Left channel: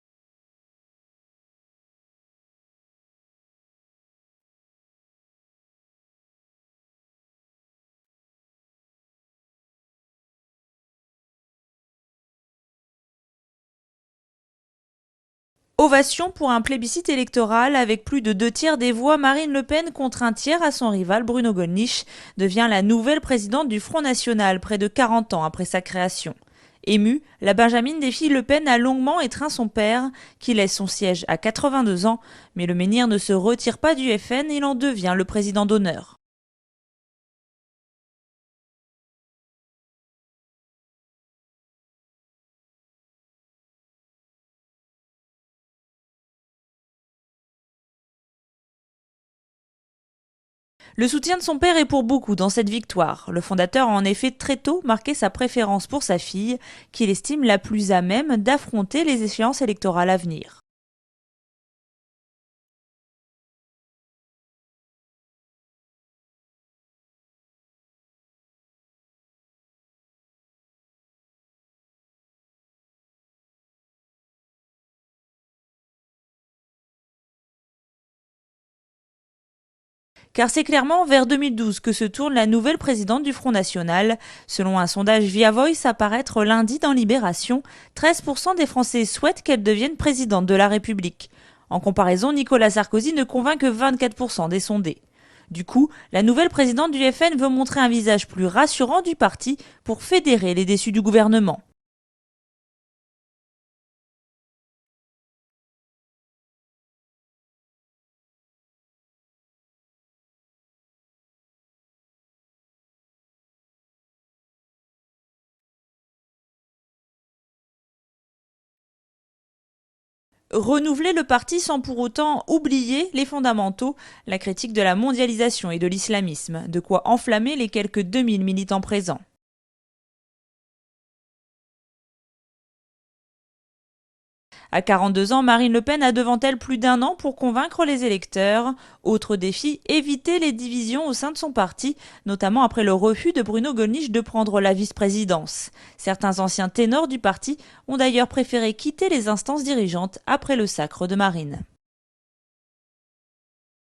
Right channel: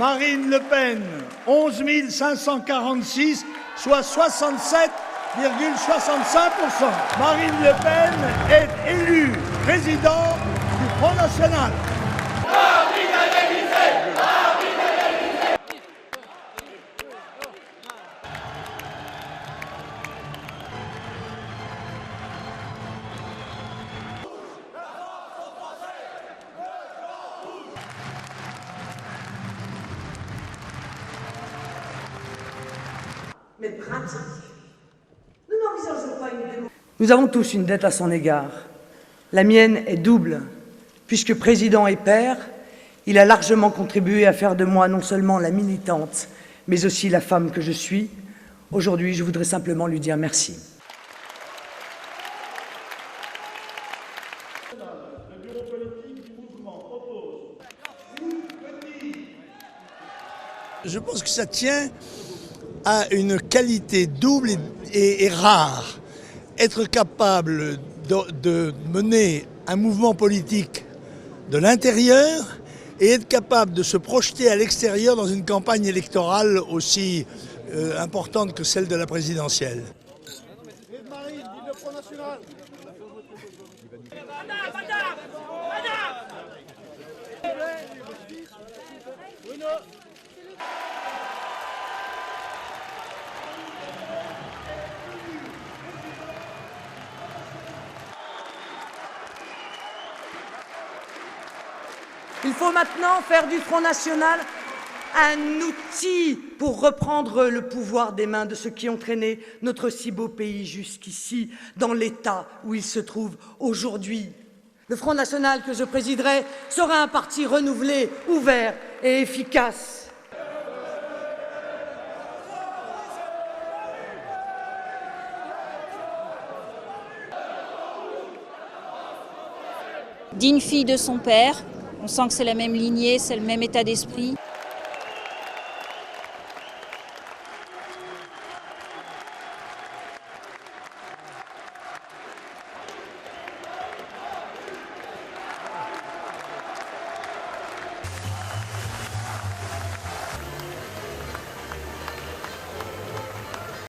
Marine Le Pen, 11 546, soit 67,65%. Marine Le Pen est élue présidente du Front National. Ovation pour un plébiscite électoral avec plus de 2/3 des voix. Marine Le Pen contre 1/3 à son rival Bruno Gollnisch devient la nouvelle présidente du Front National près de 40 ans après sa création. Émue, la Benjamine des filles Le Pen a longuement étreint son père qui laisse son siège à 82 ans. Mais le menhir ne se retire pas du FN, il en devient le président d'honneur. Nous avons tous une dette à son égard. La mienne est double. Puisque président et père, il a largement contribué à faire de moi non seulement la militante, mais aussi la femme que je suis. Aujourd'hui, je voudrais simplement lui dire merci. Le soutien de son père est pour beaucoup dans cette victoire. Le fondateur a en effet très tôt marqué sa préférence pour sa fille, qu'il estime la plus à même d'affronter les échéances électorales à venir. Je pense que ça tient à une qualité double et rare. Être capable de mener un mouvement politique de l'intérieur et être capable de se projeter à l'extérieur dans une campagne électorale aussi importante que celle de la présidentielle. Car c'est clairement vers 2012 que se tourne la nouvelle présidente du Front National. Selon un sondage Via Voice à paraître lundi dans Libération, 13% des Français souhaitent qu'elle devienne présidente de la République. En comparaison, Nicolas Sarkozy ne convainc que 24% des sondés. Du coup, la nouvelle présidente du FN veut montrer un visage plus rassurant du parti pour fédérer les déçus du gouvernement. Il faut maintenant faire du Front National un outil pour reprendre le pouvoir des mains de ceux qui ont traîné notre si beau pays jusqu'ici, dans l'état où il se trouve aujourd'hui. Le Front National que je présiderai sera un parti renouvelé, ouvert et efficace. Renouveler le parti sans pour autant oublier les fondamentaux, la critique de la mondialisation et de l'islamisme, de quoi enflammer les quelques 2000 militants présents. Digne fille de son père, on sent que c'est la même lignée, c'est le même état d'esprit. À 42 ans, Marine Le Pen a devant elle plus d'1 an pour convaincre les électeurs. Autre défi, éviter les divisions au sein de son parti, notamment après le refus de Bruno Gollnisch de prendre la vice-présidence. Certains anciens ténors du parti ont d'ailleurs préféré quitter les instances dirigeantes après le sacre de Marine.